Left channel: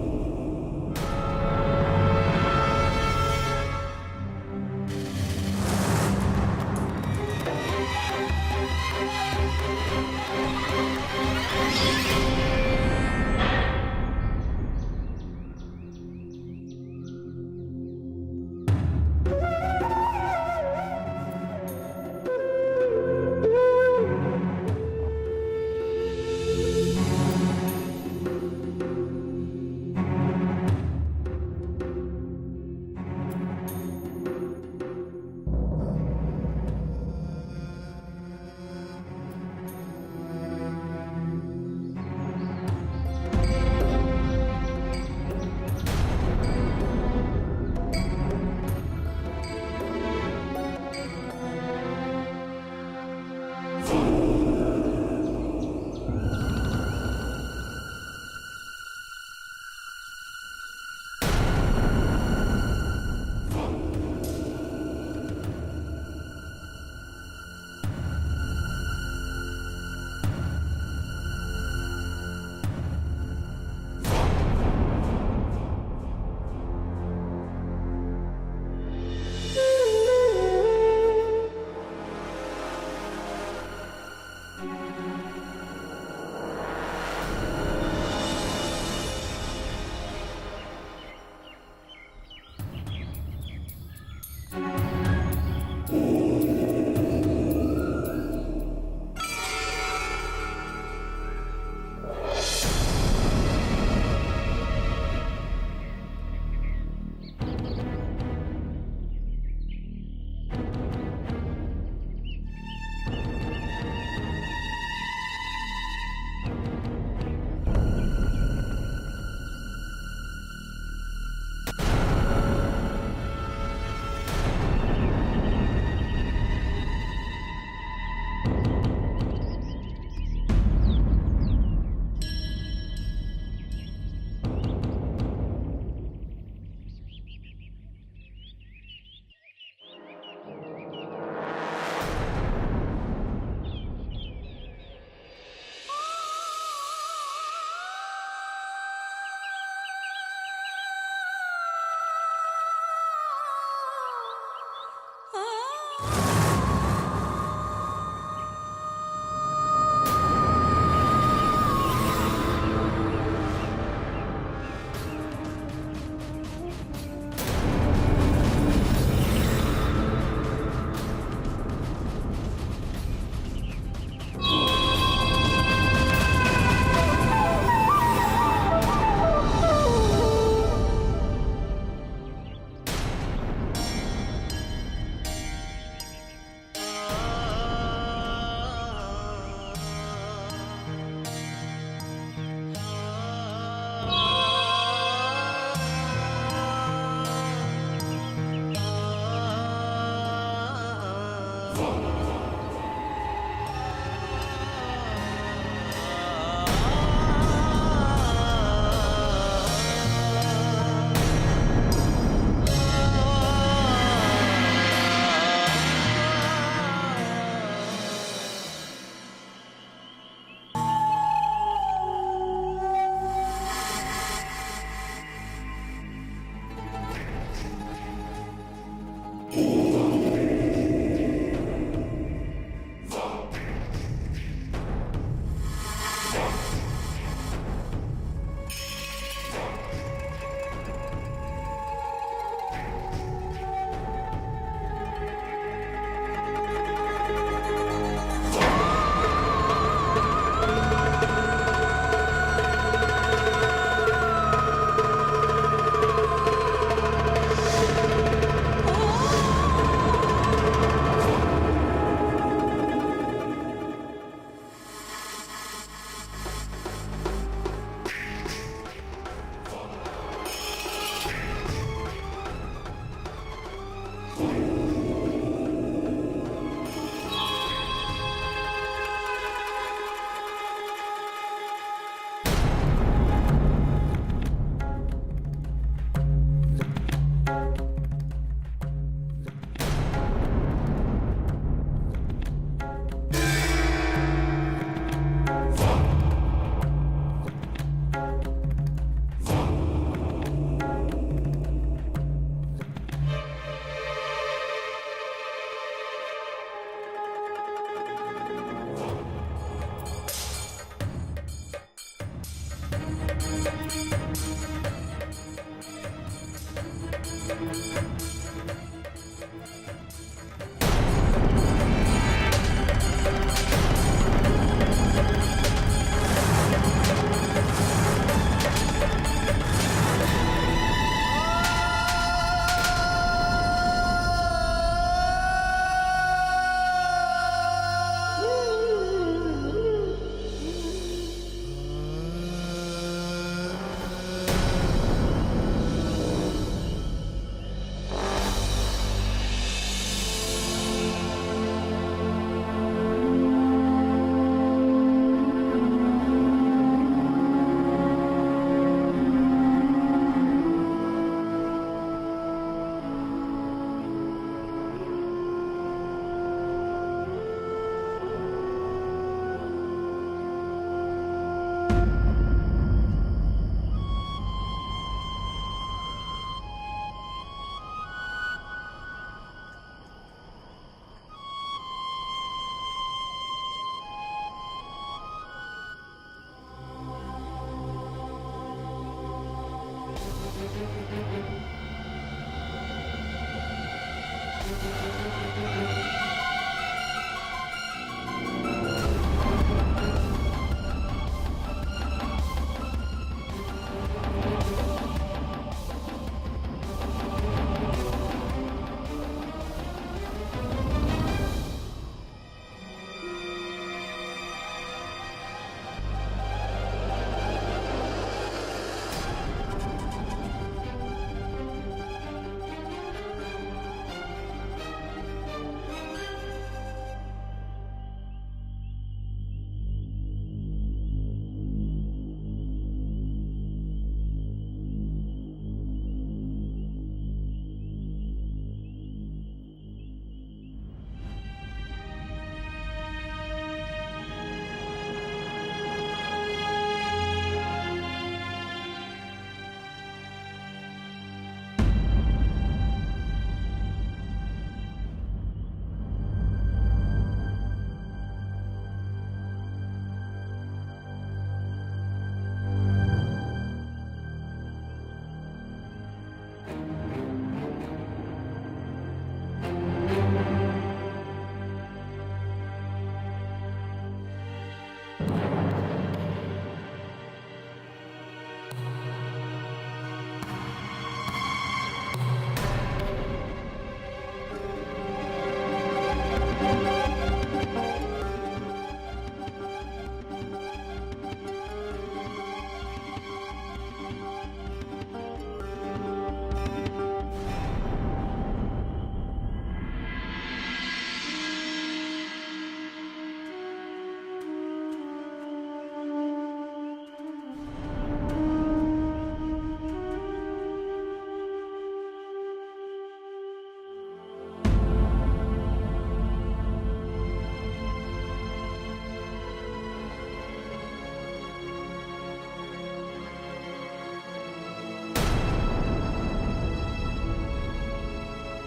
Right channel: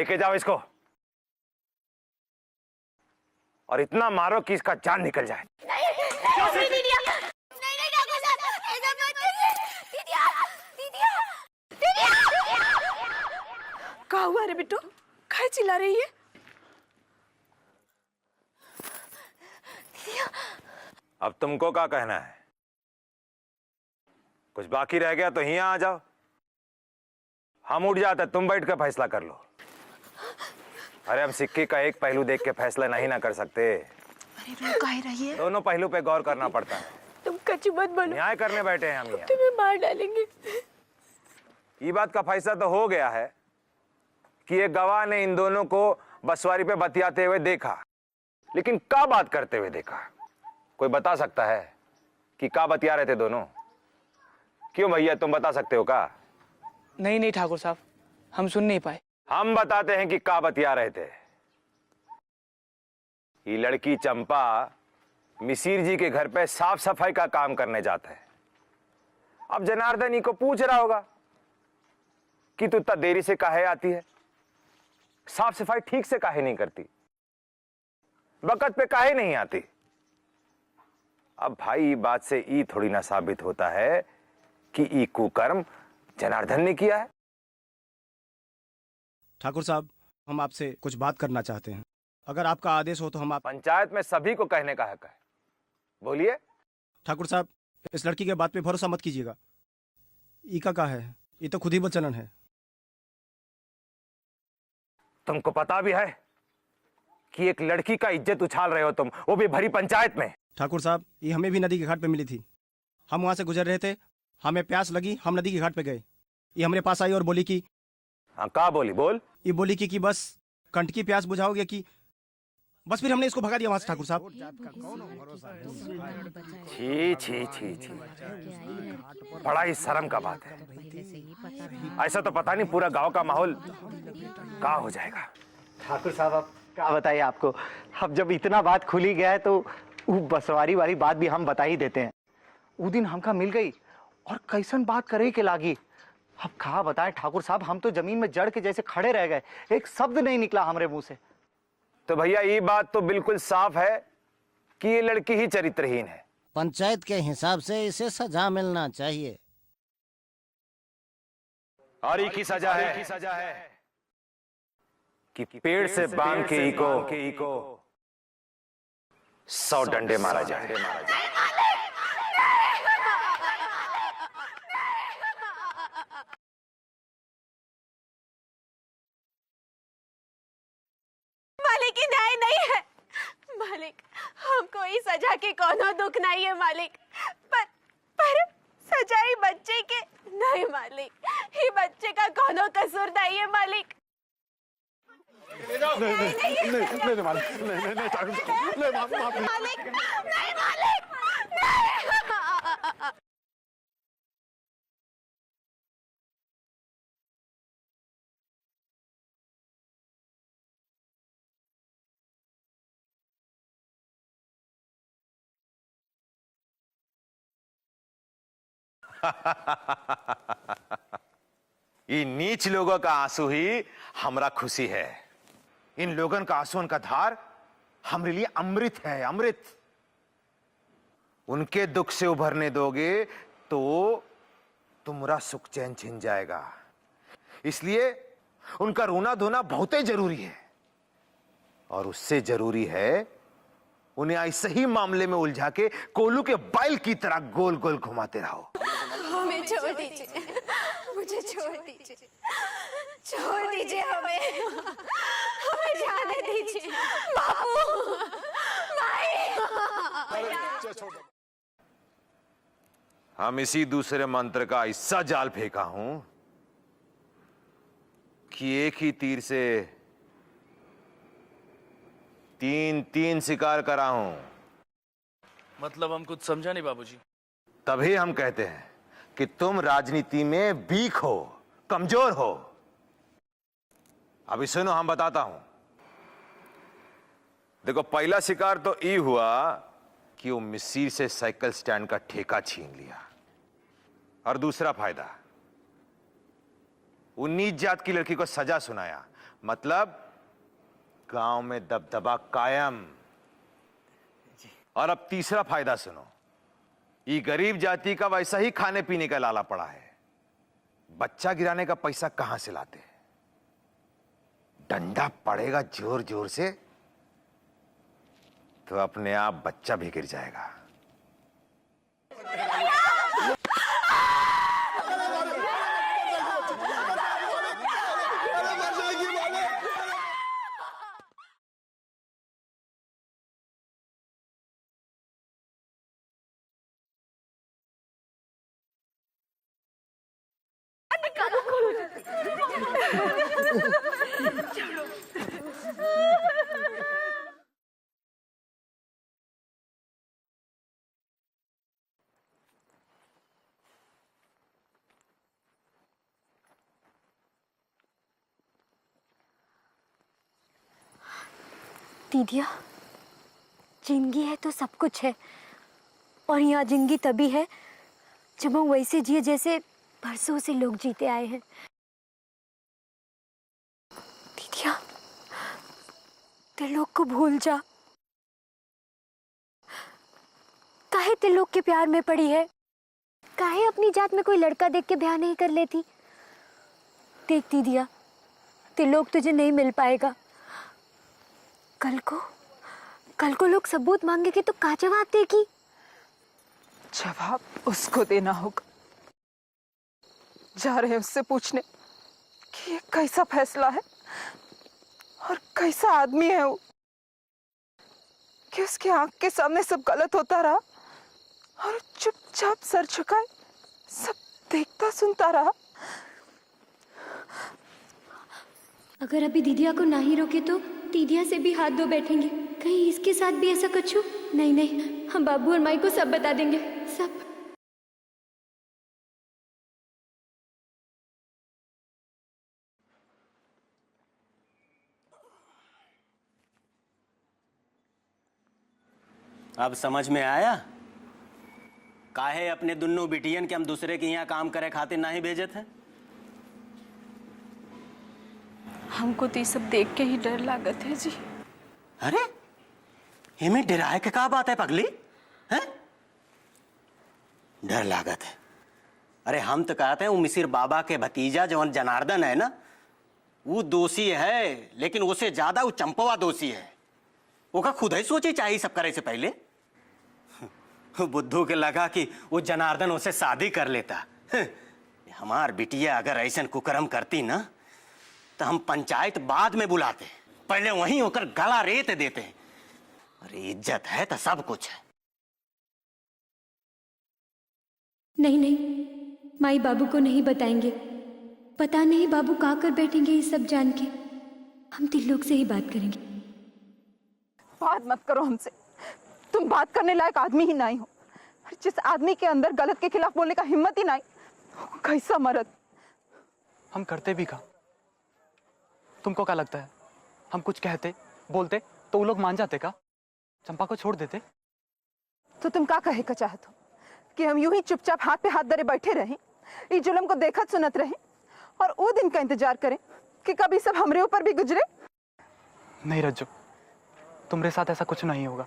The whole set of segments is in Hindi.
लेके जाओ इसको और इतना मारो कि इसका जान निकल जाए। क्या हुआ रे बिट्टू? काय चिल्ला रही है? अब तुमको क्या कहना है? कुछ बाकी रह गया तो यहाँ आ जाओ, हम उठ जाते, तुम बैठ कर फैसला कर लो। अरे हम सिक्के का एक पहलू देख के फैसला नहीं ना कर सकते, दोनों पहलू पे गौर करना पड़ता है। तुम कच्च मत बोलो, न्याय करने बैठे हैं हम यहाँ। तुम्हें मार डालेंगे। ये बात का फैसला तो हो गया है कि एक गवाह ने इन दोनों को बसवारी पे बतियाते हुए देखा, लेकिन क्या बात करते हुए देखा? कोई बता सकता है कि क्या बतिया रहे थे दोनों? क्यों भैया, तुम बता सकते हो क्या? नहीं ठाकुर साहब, हम सुन नहीं पाए। हम बताते हैं कि क्या बतिया रहे थे। ये लड़की चंपा मिसिर जी के घर पे साफ सफाई का काम करने जाता है। अब जनार्दन जी को पूछ रहा होगा कि तू इतना देरी से काहे आती है, साफ सफाई ठीक से काहे नहीं करती, वक्त पे काहे नहीं आती। अब भाई बात से ई थोड़ी ना साबित होता है कि ई कुकर्म जनार्दन ने किया है। ठाकुर साहब, हम आपसे कुछ बात करना चाहते हैं, अगर आपका आदेश हो तो हम आप। पंचायत में सभी को कहने का है, बोलिए। ठाकुर साहब, इस लड़की के बात पे भरोसा मत कीजिएगा। इनका क्या है, ये तो खुद ही बचना है। तुमको पता भी है कि एक लड़की का इज्जत उछाल रहे हो तुम, वो भी भरी पंचायत में। ठाकुर साहब, ये हमें भी नदी के घाट पे मिली थी। हम वहाँ से गुजर रहे थे, हमें प्यास लगी, हम नदी के घाट पे गए। ये हमारे पास आई और बोली कि कहा बोली? बोल। ये बोली कि बस कंठ की प्यास बुझाओगे कि बस। फिर हमने इसको भगा दिया वहाँ से। ठाकुर साहब, छी छी छी छी, बड़ा ही शर्म का बात है। ऐसा तो पता नहीं पूरा गांव का माहौल क्या हो जाएगा। ठाकुर साहब, अब क्या बताइए आपको, अब जब इतना बात खुली गया है तो वो बसवारी वाली बात भी हम बता ही देते हैं। वो दिन हमका मिल गई और कैसन बात करे के लागी। अब कहा बताएं ठाकुर साहब, हम तो जमीन में जड़ के जैसे खड़े रह गए, एक शब्द नहीं निकला हमारे मुंह से। तो भैया ये बात तो बिल्कुल साफ है कि ये लड़की ही चरित्रहीन है। पंचायत के हिसाब से इसे सजा मिलना चाहिए। और ये की सजा है कि पेड़ से बांध के इको 100 डंडे मारा जाए। सजा के कोनो दुख नहीं है मालिक, पर सजाई बच्चे के नहीं मालिक, ये बच्चे का कोनो कसूर नहीं है मालिक। ये नीच लोगों का आंसू ही हमरा खुशी है। इन लोगों का आंसू, उनका धार हमारे लिए अमृत है, अमृत। उनके दुख से उभरने दोगे तो तुम्हारा सुख चैन छिन जाएगा। इसलिए उनका रोना धोना बहुत ही जरूरी है, और उससे जरूरी है उन्हें ऐसे ही मामले में उलझा के कोलू के बैल की तरह गोल गोल घुमाते रहो। हम इसी दूसरे मंत्र का ऐसा जाल फेंका हूं कि एक ही तीर से तीन शिकार कराऊं। मतलब हम कुछ समझा नहीं बाबा। तभी हम कहते हैं कि तुम राजनीति में वीक हो, कमजोर हो। अभी सुनो, हम बताता हूं। देखो, पहला शिकार तो ये हुआ कि वो मिसिर से साइकिल स्टैंड का ठेका छीन लिया, और दूसरा फायदा वो नीच जात की लड़की को सजा सुनाया, मतलब गांव में दबदबा कायम। और अब तीसरा फायदा सुनो, ये गरीब जाति का वैसा ही खाने पीने का लाला पड़ा है। बच्चा गिराने का पैसा कहां से लाते? डंडा पड़ेगा जोर जोर से तो अपने आप बच्चा भी गिर जाएगा। दीदिया, जिंदगी है तो सब कुछ है, और यहाँ जिंदगी तभी है जब हम वैसे जिए जैसे बरसों से लोग जीते आए हैं। दीदिया, त्रिलोक को भूल जा। काहे त्रिलोक के प्यार में पड़ी है? काहे अपनी जात में कोई लड़का देख के ब्याह नहीं कर लेती? देख दीदिया, त्रिलोक तुझे नहीं मिल पाएगा। कल को लोग सबूत मांगेंगे तो क्या जवाब देगी? जवाब उसको देना होगा। जा रहे हैं उससे पूछने कि ये कैसा फैसला है और कैसा आदमी है वो, कि उसके आंख के सामने सब गलत होता रहा और चुपचाप सर झुकाए सब देखता सुनता रहा। अगर अभी दीदिया को नहीं रोके तो दीदिया से भी हाथ धो बैठेंगे। कहीं इसके साथ भी ऐसा कुछ हो? नहीं नहीं, हम बाबू और माई को सब बता देंगे, सब। अब समझ में आया काहे अपने दुन्नों बिटियन के हम दूसरे के यहाँ काम करे खातिर नहीं भेजे थे? हमको तो ये सब देख के ही डर लागत है जी। अरे इमें डराए के का बात है पगली? हैं? डर लागत है? अरे हम तो कहते हैं वो मिसिर बाबा के भतीजा जवन जनार्दन है ना, वो दोषी है, लेकिन उसे ज्यादा वो चंपवा दोषी है। वो का खुद ही सोची चाहिए सब करे से पहले। तो बुद्धू के लगा कि वो जनार्दन उसे शादी कर लेता। हमार बिटिया अगर ऐसा कुकर्म करती ना तो हम पंचायत बाद में बुलाते, पहले वहीं होकर गला रेत देते। इज्जत है तो सब कुछ है। नहीं नहीं, माई बाबू को नहीं बताएंगे। पता नहीं बाबू कहाँ कर बैठेंगे ये सब जान के। हम त्रिलोक से ही बात करेंगे। बात मत करो हमसे, तुम बात करने लायक आदमी ही नहीं। जिस आदमी के अंदर गलत के खिलाफ बोलने का हिम्मत ही नहीं, कैसा मर्द। हम करते भी का? तुमको क्या लगता है हम कुछ कहते बोलते तो वो लोग मान जाते का? चंपा को छोड़ देते? तो तुम क्या कहे का चाहते कि हम यूं ही चुपचाप हाथ पे हाथ धरे बैठे रहें, इस जुल्म को देखत सुनत रहें और वो दिन का इंतजार करें कि कभी सब हमरे ऊपर भी गुजरे? नहीं रज्जू, तुम्हारे साथ ऐसा कुछ नहीं होगा।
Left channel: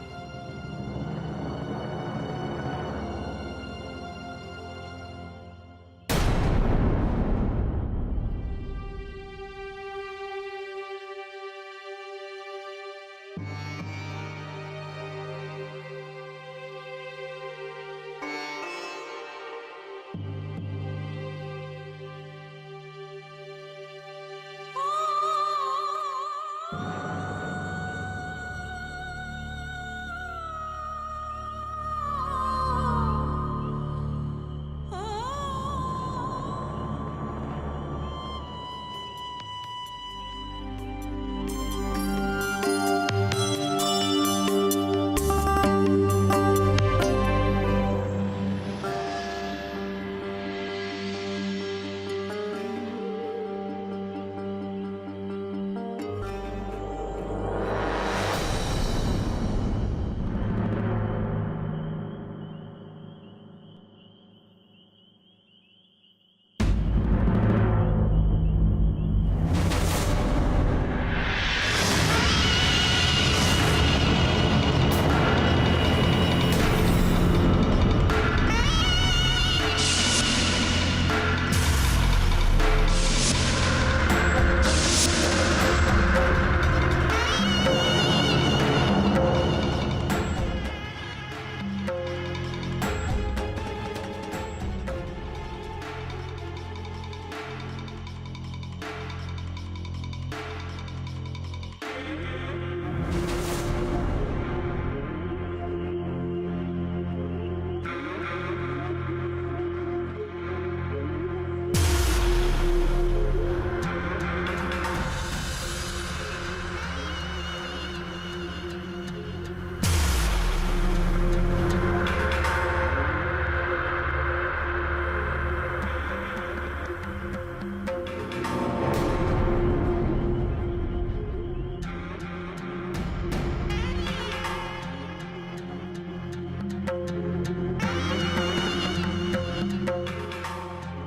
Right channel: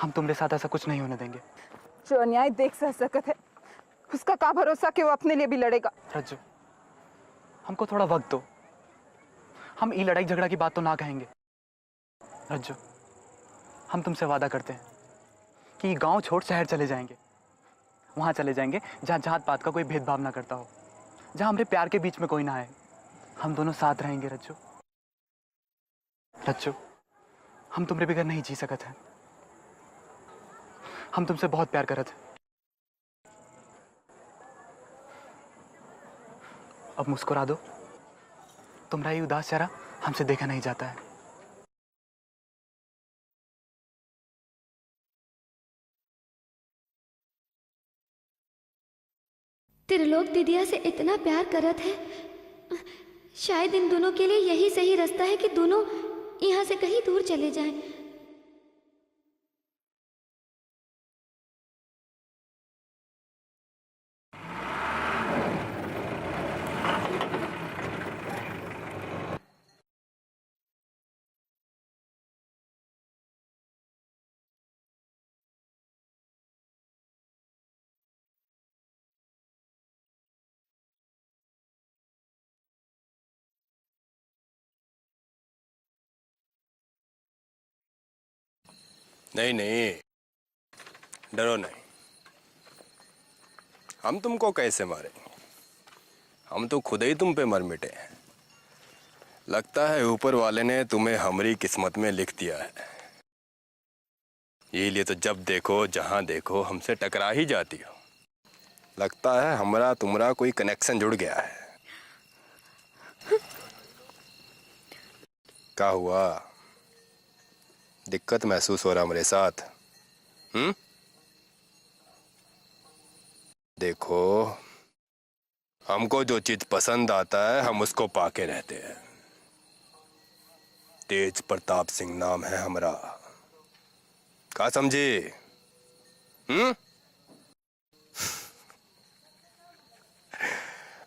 हम तुम्हारे साथ ऐसा कुछ नहीं होने देंगे। जो अन्याय देख सकत है उसका क्या भरोसा कि वो अपने लिए भी लड़ेगा? हमको थोड़ा वक्त दो, हम ये लड़ाई झगड़ा की बात तो ना कहेंगे। रज्जू, हम तुमसे वादा करते हैं कि गांव छोड़ शहर चले जाएंगे। वहां चले जाएंगे जहां जात पात का कोई भेदभाव ना करता हो, जहां हमारे प्यार के बीच में कोई ना है। हम दोनों साथ रहेंगे रज्जू। रज्जू, हम तुम्हारे बगैर नहीं जी सकते हैं। हम तुमसे बहुत प्यार करते हैं। अब मुस्कुरा दो, तुम्हारा ये उदास चेहरा हमसे देखा नहीं जाता है। त्रिलोक दीदिया से इतना प्यार करत है, शायद इन दोनों के लिए यही सही रास्ता है कि दोनों यहाँ से कहीं दूर चले जाएं। तुमको कैसे मारे? हम तो खुद ही तुम पे मर मिटे हैं। लगता है ऊपर वाले ने तुम्हें हमारी किस्मत में लिख दिया है। ये लिए तो जब देखो जहां देखो हमसे टकरा ही जाती है। लगता है हमारा तुम्हारा कोई कनेक्शन जुड़ गया है। क्या हुआ? दिक्कत महसूस हो रहा मेरे साथ? देखो, हमको जो चीज पसंद आता है हम उसको पाके रहते हैं। तेज प्रताप सिंह नाम है हमारा। क्या समझे?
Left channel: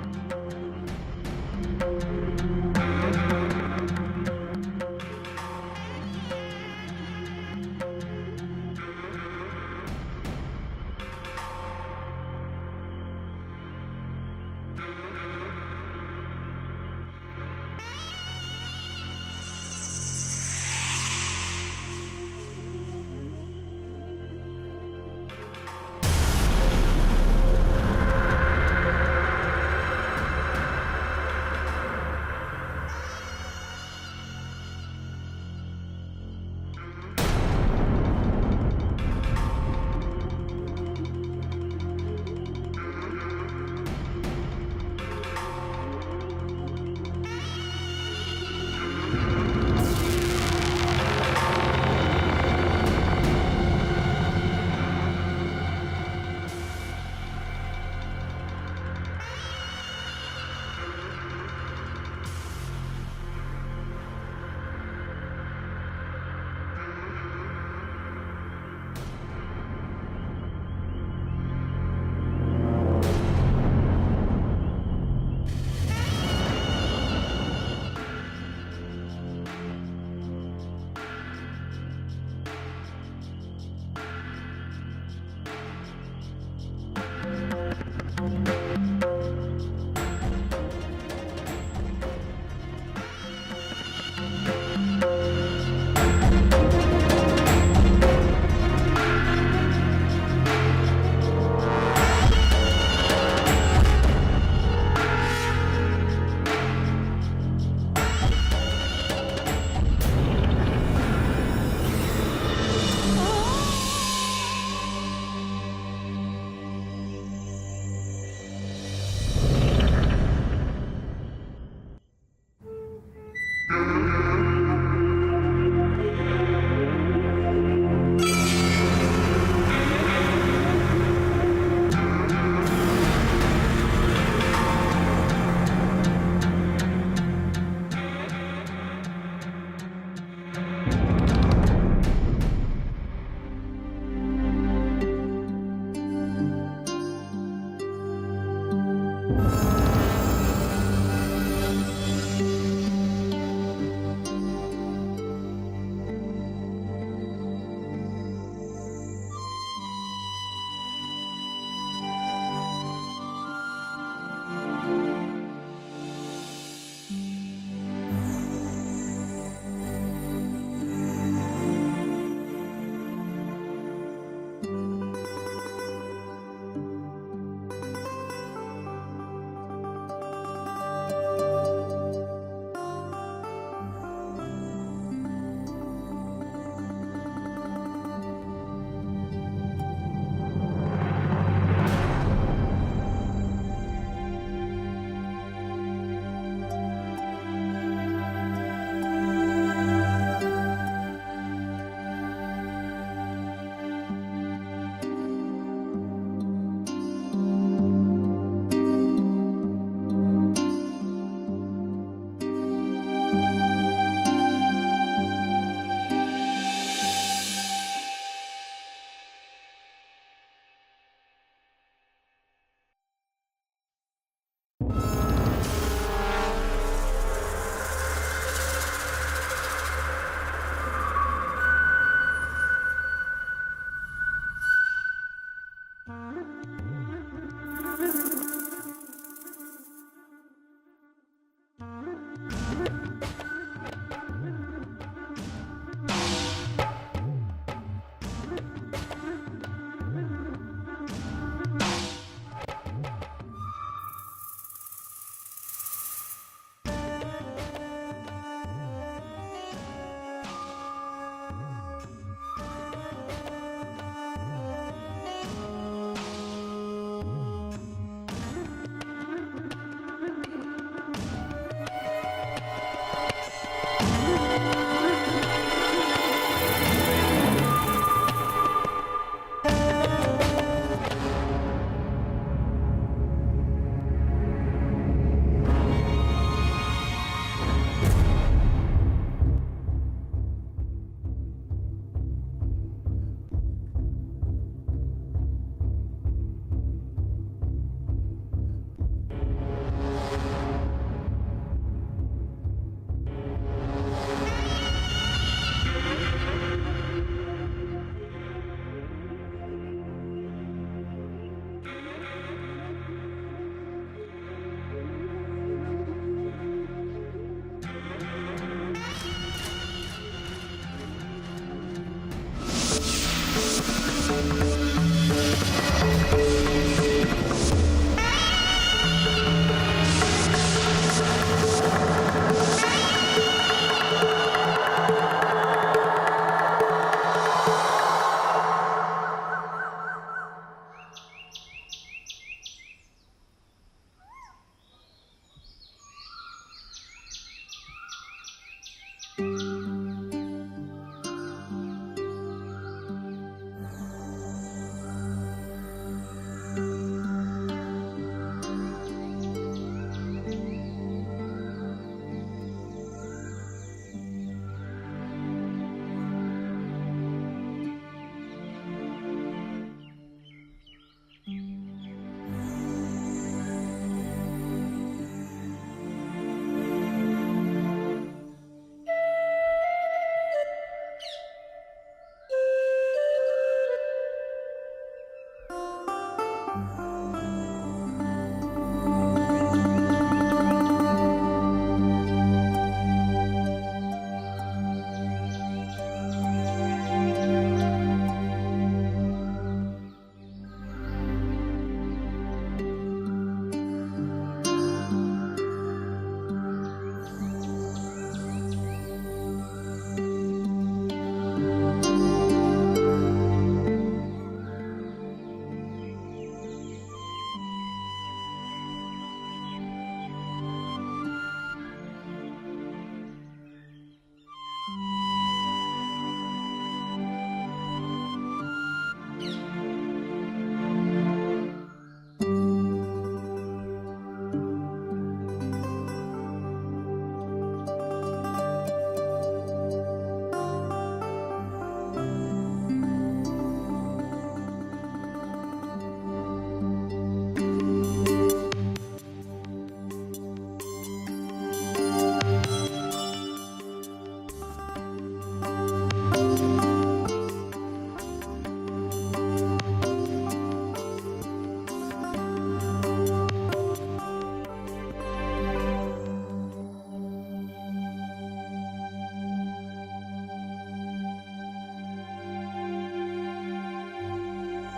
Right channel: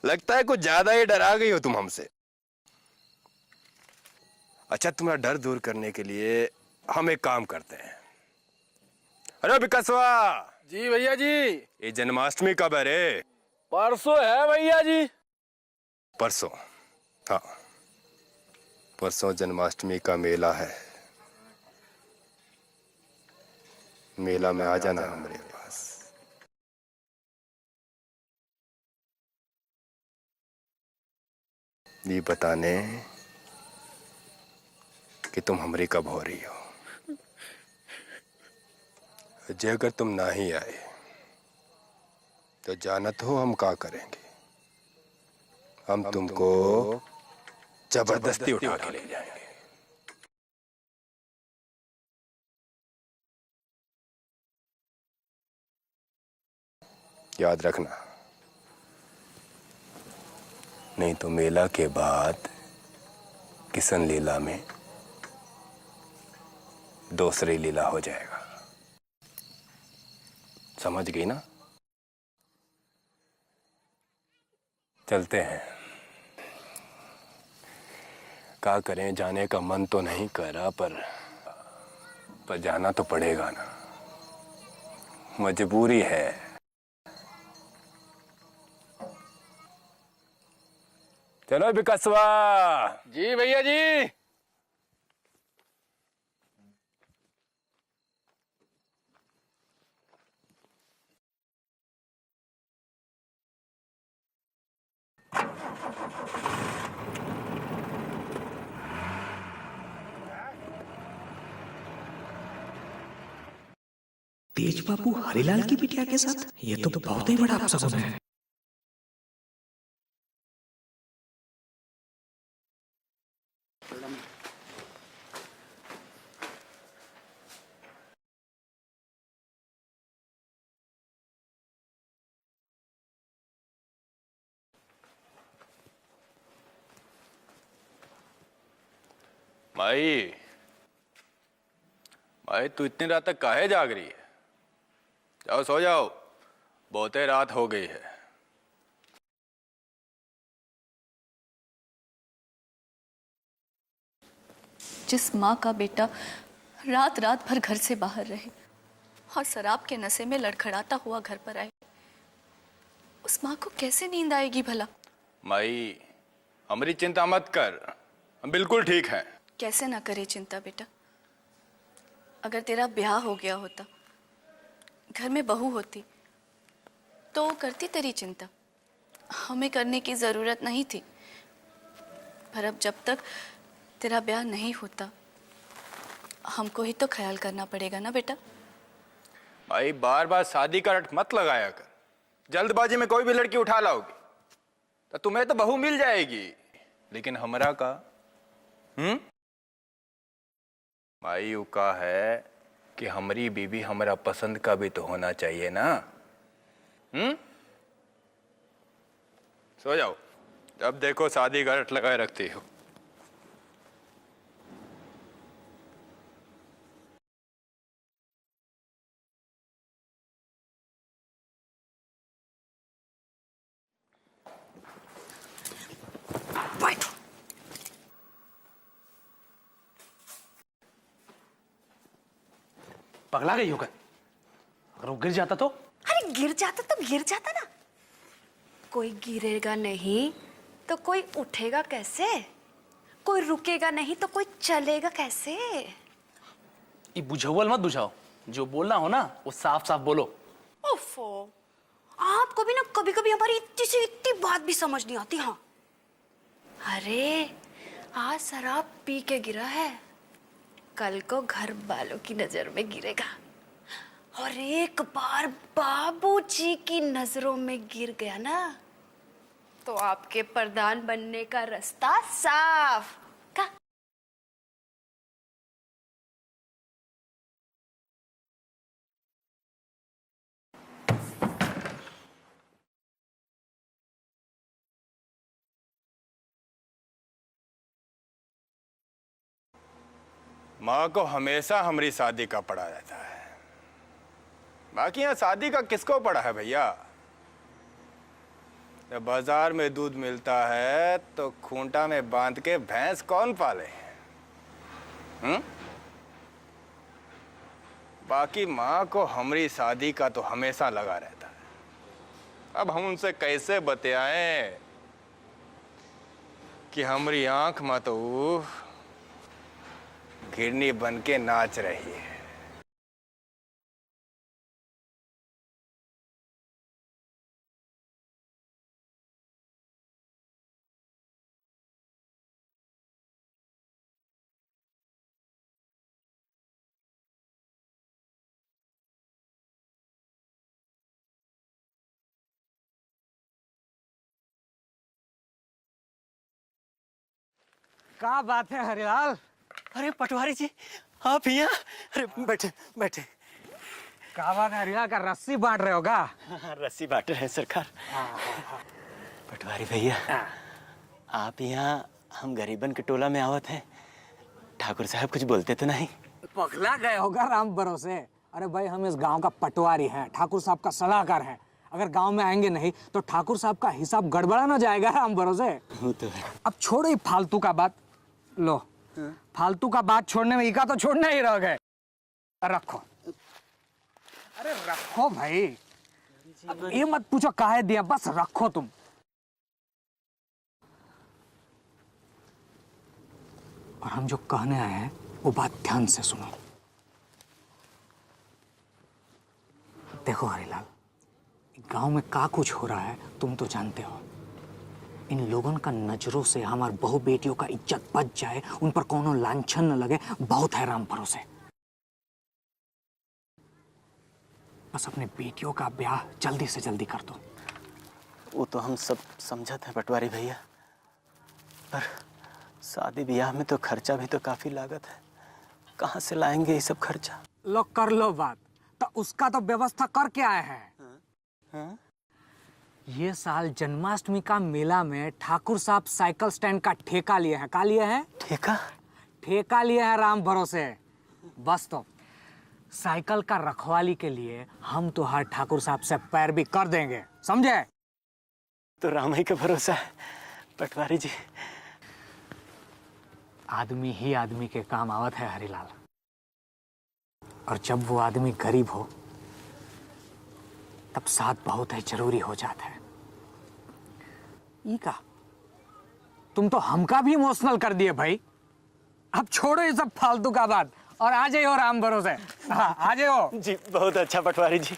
लगता है कुछ ज्यादा ही डरा गई हो तुम हमसे। अच्छा, तुम्हारा डर दूर करने के लिए हम एक काम करते हैं। अरे विकासवा जी भैया जी। ये जन्माष्टमी कब है रे? परसों है भैया जी। परसों? हाँ, परसों जन्माष्टमी का मेला है। मेला में आ जाना हमारे पास। ये बताने कि तुम हमरी कब हो रही हो। अगर तुम ना ही आए तो जानत हो हम क्या करेंगे। हम तुमको जबरदस्ती उठा के ले जाएंगे। याद रखना, नहीं तो मेला के बाद किशन लीला में दूसरी लीला हो जाएगा। समझ गई ना? चलते हैं। क्या करें, जाने का मन तो नहीं कर रहा, पर जाना तो पड़ेगा ना, मजबूरी है। चलो विकासवा। जी भैया जी। बापू हरिलाल की बिटिया के साथ ये तो बहुत ही बड़ा अपशगुन है। भाई तू इतनी रात तक काहे जाग रही है? जाओ सो जाओ, बहुत ही रात हो गई है। जिस माँ का बेटा रात रात भर घर से बाहर रहे और शराब के नशे में लड़खड़ाता हुआ घर पर आए, उस माँ को कैसे नींद आएगी भला? माई, हमारी चिंता मत कर, बिल्कुल ठीक है। कैसे ना करे चिंता बेटा। अगर तेरा ब्याह हो गया होता, घर में बहू होती, तो वो करती तेरी चिंता, हमें करने की जरूरत नहीं थी। पर अब जब तक तेरा ब्याह नहीं होता, हमको ही तो ख्याल करना पड़ेगा ना बेटा। भाई बार बार शादी का रट मत लगाया कर। जल्दबाजी में कोई भी लड़की उठा लाओ, तुम्हें तो बहू मिल जाएगी, लेकिन हमरा का भाई का है कि हमारी बीबी हमारा पसंद का भी तो होना चाहिए ना। सो जाओ, जब देखो शादी का रट लगाए रखती हो। पगला गई होगा, और गिर जाता तो? अरे गिर जाता तो गिर जाता ना, कोई गिरेगा नहीं तो कोई उठेगा कैसे, कोई रुकेगा नहीं तो कोई चलेगा कैसे। ये बुझावल मत बुझाओ, जो बोलना हो ना वो साफ साफ बोलो। ओफो, आप आपको भी ना कभी कभी हमारी इतनी से इतनी बात भी समझ नहीं आती। हाँ अरे आज शराब पी के गिरा है, कल को घर वालों की नजर में गिरेगा, और एक बार बाबूजी की नजरों में गिर गया ना तो आपके प्रधान बनने का रास्ता साफ। माँ को हमेशा हमारी शादी का पड़ा रहता है, बाकी यहाँ शादी का किसको पड़ा है भैया? जब बाजार में दूध मिलता है तो खूंटा में बांध के भैंस कौन पाले? बाकी माँ को हमारी शादी का तो हमेशा लगा रहता है। अब हम उनसे कैसे बतियाएं कि हमारी आंख में तो किडनी बन के नाच रही है। क्या बात है हरिलाल? अरे पटवारी जी आप यहाँ? अरे बैठे बैठे। क्या बात है हरिलाल, का रस्सी बांट रहे हो का? रस्सी बांट रहे हैं सरकार। पटवारी भैया आप यहाँ हम गरीबन के टोला में आवत हैं, ठाकुर साहब कुछ बोलते तो नहीं? पगला गए होगा राम भरोसे। अरे भाई हम इस गांव का पटवारी हैं, ठाकुर साहब का सलाहकार हैं। अगर गांव में आएंगे नहीं तो ठाकुर साहब का हिसाब गड़बड़ा ना जाएगा राम भरोसे। वो तो है। अब छोड़ो फालतू का बात, लो फालतू का बात छोड़ने में इका तो छोड़ना ही रह गए। रखो, अरे रखो भाई, ये मत पूछो काहे दिया, बस रखो तुम। और हम जो कहने आए हैं वो बात ध्यान से सुनो। देखो हरिलाल, गांव में का कुछ हो रहा है तुम तो जानते हो। इन लोगों का नजरों से हमार बहु बेटियों का इज्जत बच जाए, उन पर कोनो लांछन न लगे, बहुत है राम भरोसे। बस अपने बेटियों का ब्याह जल्दी से जल्दी कर दो। वो तो हम सब समझा था पटवारी भैया, पर शादी ब्याह में तो खर्चा भी तो काफी लागत है, कहाँ से लाएंगे ये सब खर्चा? लो कर लो बात, तो उसका तो व्यवस्था करके आए हैं। ये साल जन्माष्टमी का मेला में ठाकुर साहब साइकिल स्टैंड का ठेका लिए हैं। का लिए हैं? ठेका? ठेका लिए हैं राम भरोसे। बस तो साइकिल का रखवाली के लिए हम तो हर ठाकुर साहब से पैर भी कर देंगे, समझे? तो राम ही का भरोसा है पटवारी जी। आदमी ही आदमी के काम आवत है हरिलाल, और जब वो आदमी गरीब हो तब साथ बहुत है जरूरी हो जाता है। इनका तुम तो हमका भी इमोशनल कर दिए भाई। अब छोड़ो ये सब फालतू का बात और आ जाइए राम भरोसे। हाँ आ जाओ जी। बहुत अच्छा पटवारी जी।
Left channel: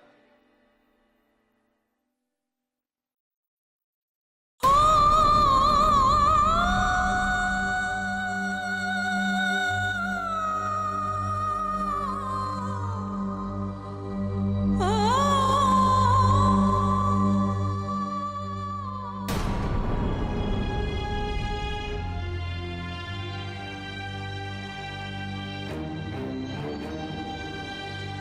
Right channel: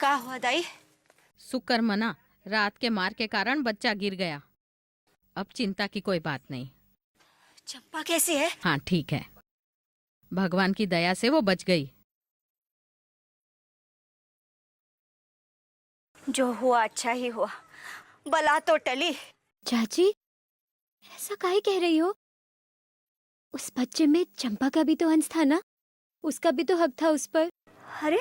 क्या हुआ दाई? शुक्र मना, रात के मार के कारण बच्चा गिर गया। अब चिंता की कोई बात नहीं। चंपा कैसी है? हाँ ठीक है, भगवान की दया से वो बच गई। जो हुआ अच्छा ही हुआ, बला तो टली। चाची ऐसा काहे कह रही हो? उस बच्चे में चंपा का भी तो अंश था ना, उसका भी तो हक था उस पर। अरे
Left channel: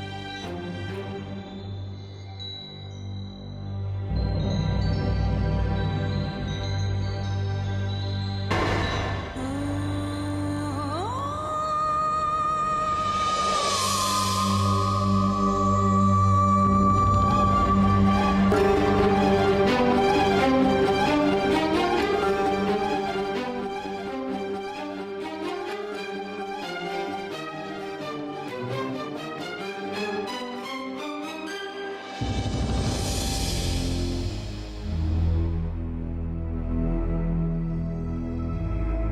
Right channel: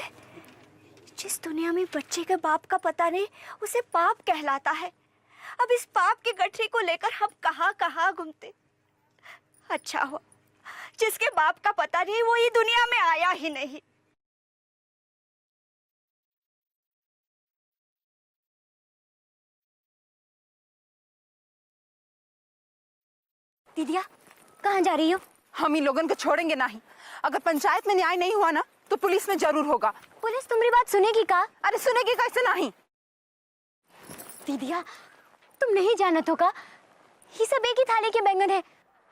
जिस दुनिया में बच्चे के बाप का पता नहीं, उसे पाप कहलाता है। अब इस पाप की गठरी को लेकर हम कहाँ घूमते। अच्छा हो जिसके बाप का पता नहीं, वो ये दुनिया में आया ही नहीं। दीदिया कहाँ जा रही हो? हम इन लोगों को छोड़ेंगे नहीं। अगर पंचायत में न्याय नहीं हुआ ना तो पुलिस में जरूर होगा। पुलिस तुम्हारी बात सुनेगी का? अरे सुनेगी कैसे नहीं? दीदिया तुम नहीं जानत होगा, ये सब एक ही थाली के बैंगन है।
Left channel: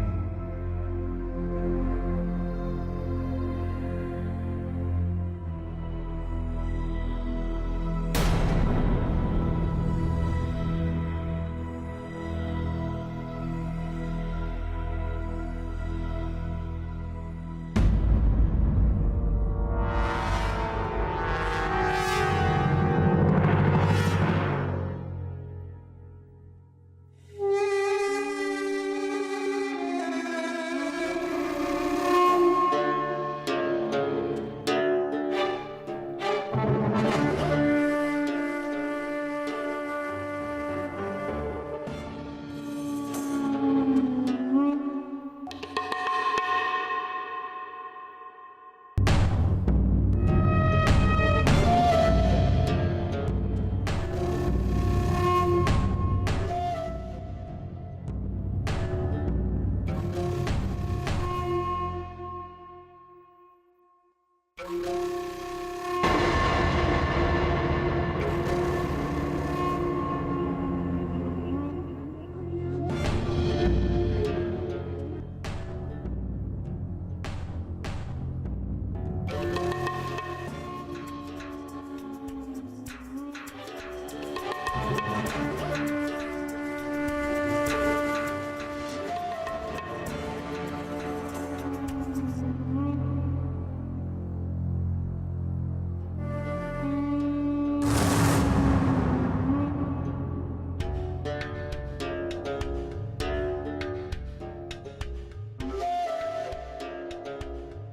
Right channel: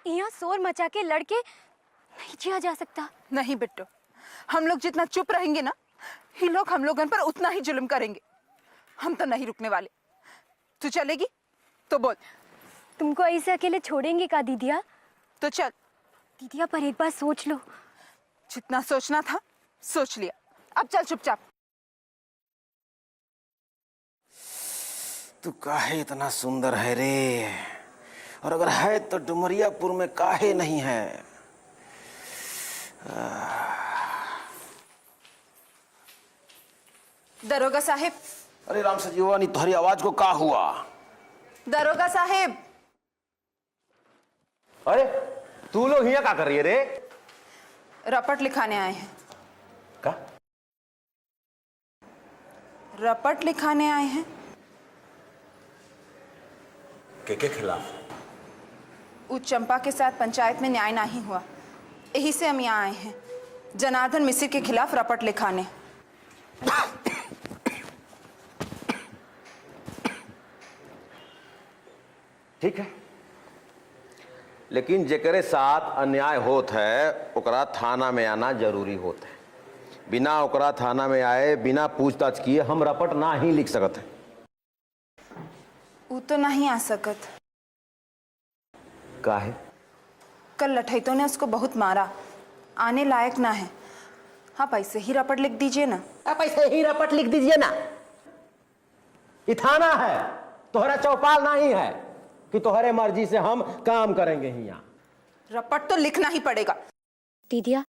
यहाँ शोर मचा के लड़के नहीं जिया जा सकता। नहीं बिट्टू, हम लोग जितना चुप रहेंगे ना, ये लोग हम लोगों पर उतना ही जुल्म करेंगे। हम तो नहीं रुकने वाले। तू चलेगी तो बोल। तुमको ऐसे अकेले छोड़ेंगे का दीदिया? तो चल। दीदिया पर एक बार सोच लो। जितना सोचना था सोच लिया, अब चल चुपचाप। तू काहे इतना सुंदर है रे, और अगर है तो डुमरियापुर में काहे नहीं है? दरोगा साहिब। अरे राम सजीवानी, तुम्हारी आवाज को का हुआ? दरोगा साहिब। अरे तू लोग यहाँ क्या कर रही है रे? रपट लिखाने आए हैं। का? रपट लिखाने आए हैं। के खिलाफ? वो चंपा के साथ पंचायत में न्याय नहीं हुआ, यही से हम यहाँ आए हैं जनार्दन मिसिर के खिलाफ रपट लिखाने। ठीक है, लेकिन जेकरे साथ अन्याय होत है ओकरा थाना में आना जरूरी होत है। बिना ओकरा थाना में आए, बिना पूछताछ किए हम रपट ना ही लिख सकत है। तू तो नहीं आ सकत। काहे? कल लठैतों ने उसको बहुत मारा, आने लायक ना है। आप ऐसे ही रपट लिख दीजिए ना। आप ऐसे ही रपट लिख दीजिए ना। ये थाना है, तोहरा चौपाल नहीं है कि तोहरे मर्जी से हम काम करेंगे ही। यहाँ रपट तो लिखना ही पड़ेगा। दीदिया,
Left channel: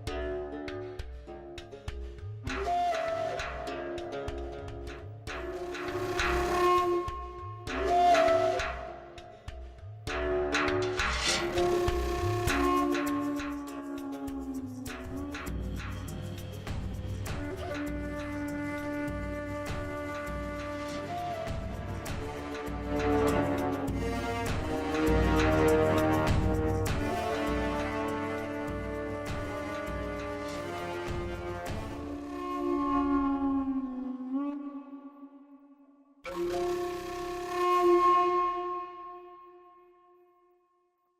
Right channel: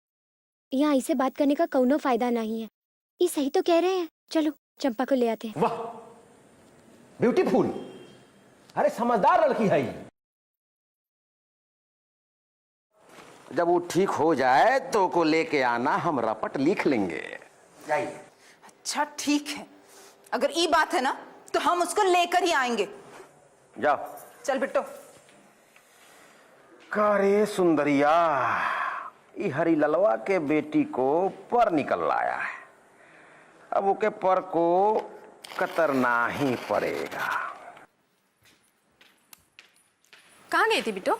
यहाँ ऐसे बात करने का कौनो फायदा नहीं है। ये सही तो कह रहे हैं। चलो चंपा को ले आते हैं। वाह, ब्यूटीफुल। अरे समझदार लड़की है ये। जब वो ठीक हो जाए तो को लेके आना, हम रपट लिख लेंगे। अच्छा ठीक है, अगर ये बात है ना तो हम उसको लेकर ही आएंगे। जाओ। चल बिट्टू। करे सुंदरिया, ये हरी ललवा के बेटी को पर निकल लाया है, अब ओके पर को कतरना ही पड़ेगा। कहाँ गई थी बिट्टू?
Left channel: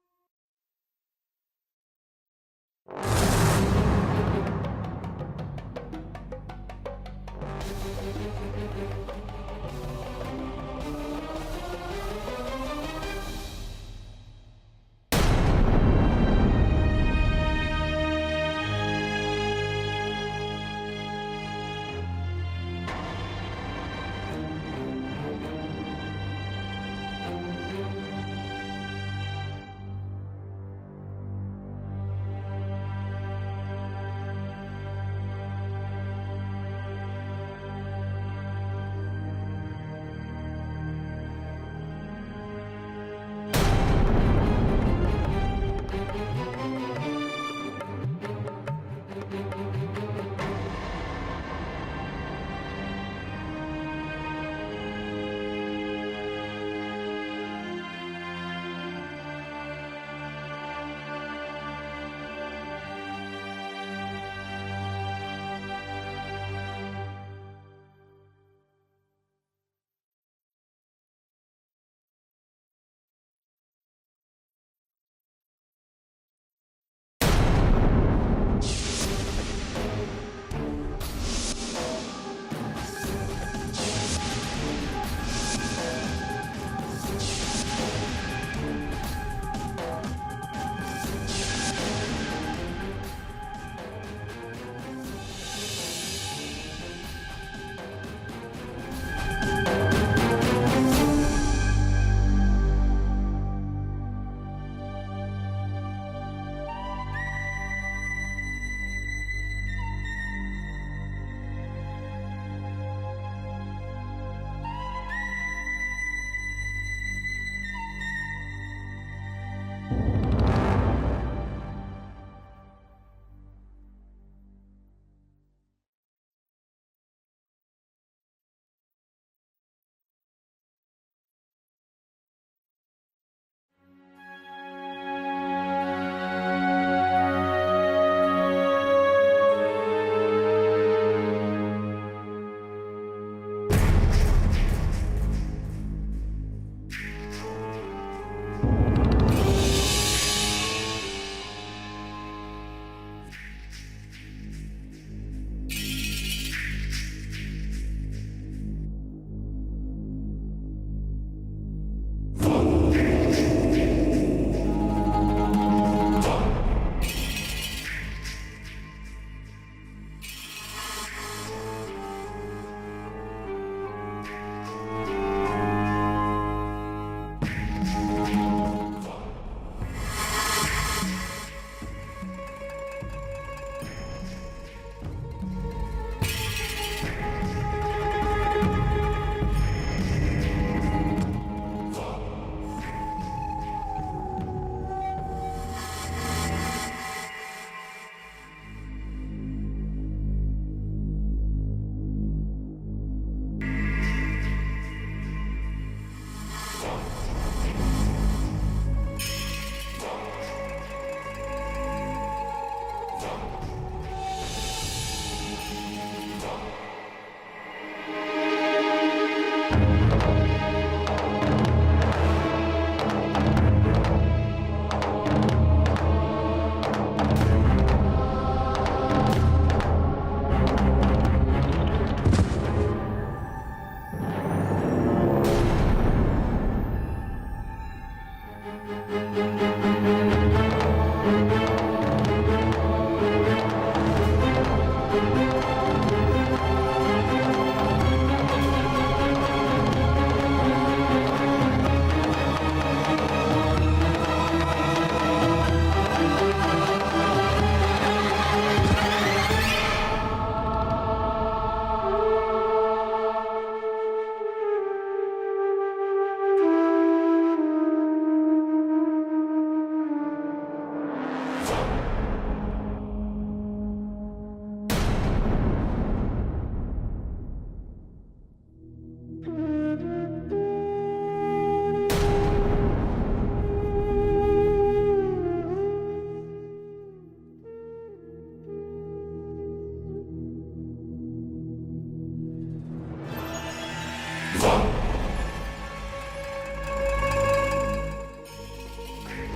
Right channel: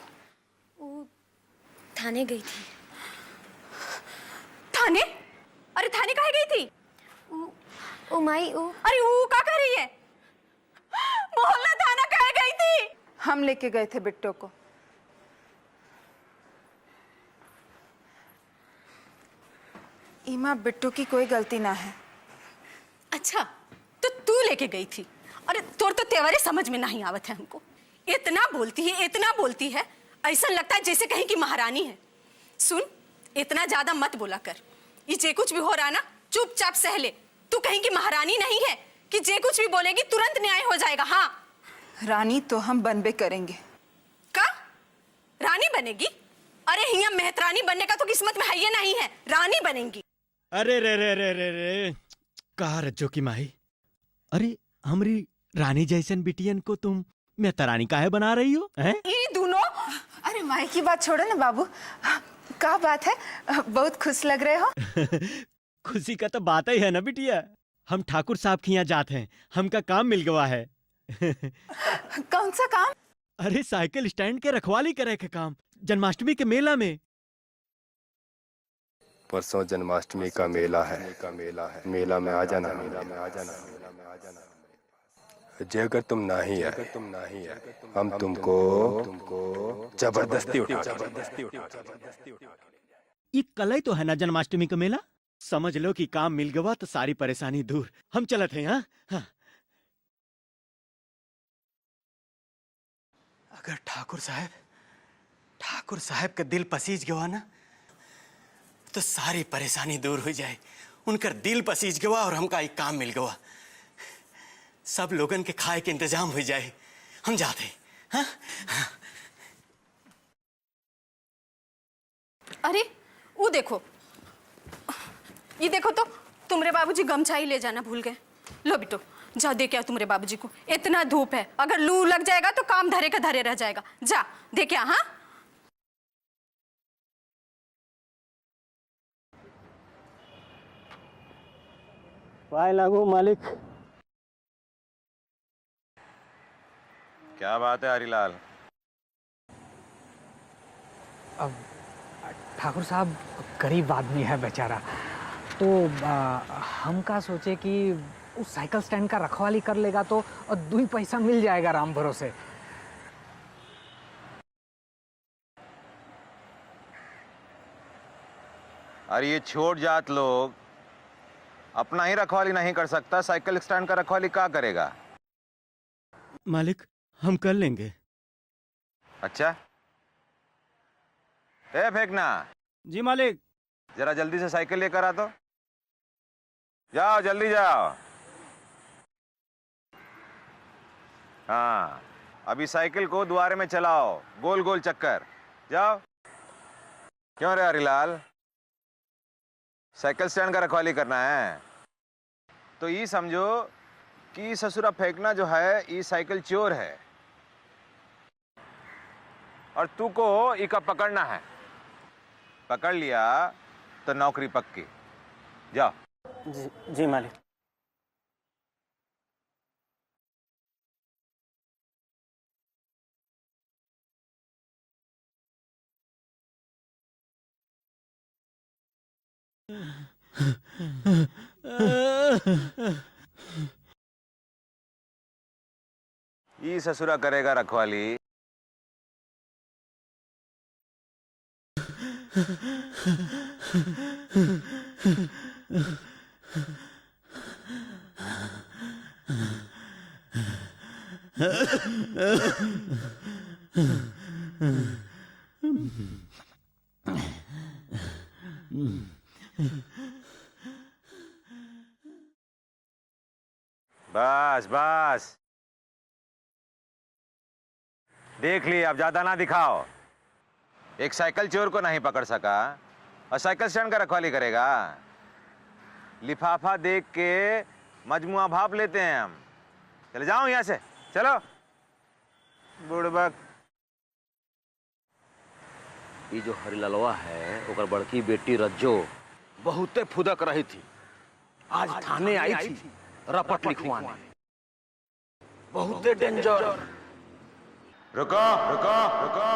थाने गई थी। थाने? अरे थाने काहे गई थी? ओ माई, अरे वो क्या कर रही है? बोलना, थाना काहे गई थी? हम लेके गए थे बिट्टू को। इमा, बिट्टू की कोई गलती ना है। अच्छा, तो तू लेके गई थी? अरे तोर तो तेवरे समझ में नहीं आवत है हमको। इतना बोलती है, ऐसा लगता है जैसे कहीं की महारानी है। सुन, इतना ज्यादा मत बोला कर। ये जे कुछ भी हो रहा ना, चुपचाप सह ले। तू कहीं की महारानी नहीं है कि जे कुछ भी बोलेगी तुरंत न्याय हो जाएगा। हाँ, रानी तो हम बनबे करेंगे। का? रानी बनेगी? अरे हिया मेहतरानी बनने का तो किस्मत में है ये नहीं है, रानी बनेगी। अरे रे रे रे रे रे, कहा रज्जो की माही? अरे हमरी रानी जैसन बिटियन को तुम मेहतरानी काहे बना रही हो? हैं? ये दोनों? अरे माई की बात छोड़ो ना बाबू, क्या बात है, बहुत खुश लग रहे हो। खुशी का तो बात ही है ना बिटिया। हम ठाकुर साहब के यहाँ जाते हैं, हमका काम मिल गया है। कौन सा काम? अरे साइकिल स्टैंड के रखवाली करे के काम, जन्माष्टमी के मेला में। परसों जन्माष्टमी का मेला है, मेला में आ जाना। अगर तुम नहीं आए, हम तुमको जबरदस्ती उठा देंगे। ये कल ही तो है ना जन्माष्टमी का मेला। समझ लो कि काम मिल गया तो सारी परेशानी दूर। हम चलते हैं। हाँ, अगर ठाकुर साहब का दिल पसीज गया ना तो सारी परेशानी दूर हो जाए। उनका दिल पसीज गया और हमका एक काम मिल गया। सब लोगन के खाए के इंतजाम हो जाए। हम जाते हैं। हाँ? अरे वो देखो, ये देखो तो तुम्हारे बाबूजी गमछा ही ले जाना भूल गए। लो बिट्टू, जा दे के आओ तुम्हारे बाबूजी को। इतना धूप है, अगर लू लग जाएगा तो काम धरे का धरे रह जाएगा। जा दे के आ। हाँ, पाए लागू मालिक। क्या बात है हरीलाल? ठाकुर साहब गरीब आदमी है बेचारा, तो हम का सोचे कि उस साइकिल स्टैंड का रखवाली कर लेगा तो 2 पैसा मिल जाएगा राम भरोसे। अरे ये छोट जात लोग अपना ही रखवाली नहीं कर सकता, साइकिल स्टैंड का रखवाली क्या करेगा? मालिक हम कर लेंगे। अच्छा ए फेंकना। जी मालिक। जरा जल्दी से साइकिल लेकर आ तो। जाओ जल्दी जाओ। हाँ अभी साइकिल को द्वारे में चलाओ, गोल गोल चक्कर। जाओ। क्यों रे हरिलाल, साइकिल स्टैंड का रखवाली करना है तो ये समझो कि ससुरा फेंकना जो है ये साइकिल चोर है और तू को इका पकड़ना है। पकड़ लिया तो नौकरी पक्की। जाओ। जी मालिक। ये ससुरा करेगा रखवाली। बस बस देख ली, अब ज्यादा ना दिखाओ। एक साइकिल चोर को नहीं पकड़ सका और साइकिल स्टैंड का रखवाली करेगा। लिफाफा देख के मजमुआ भाप लेते हैं हम। चले जाओ यहाँ से, चलो। ये जो हरिललवा है ओकर बड़की बेटी रज्जो बहुते फुदक रही थी, आज थाने आई थी रपट लिखवाना। बहुते डेंजर। रुको रुको रुको।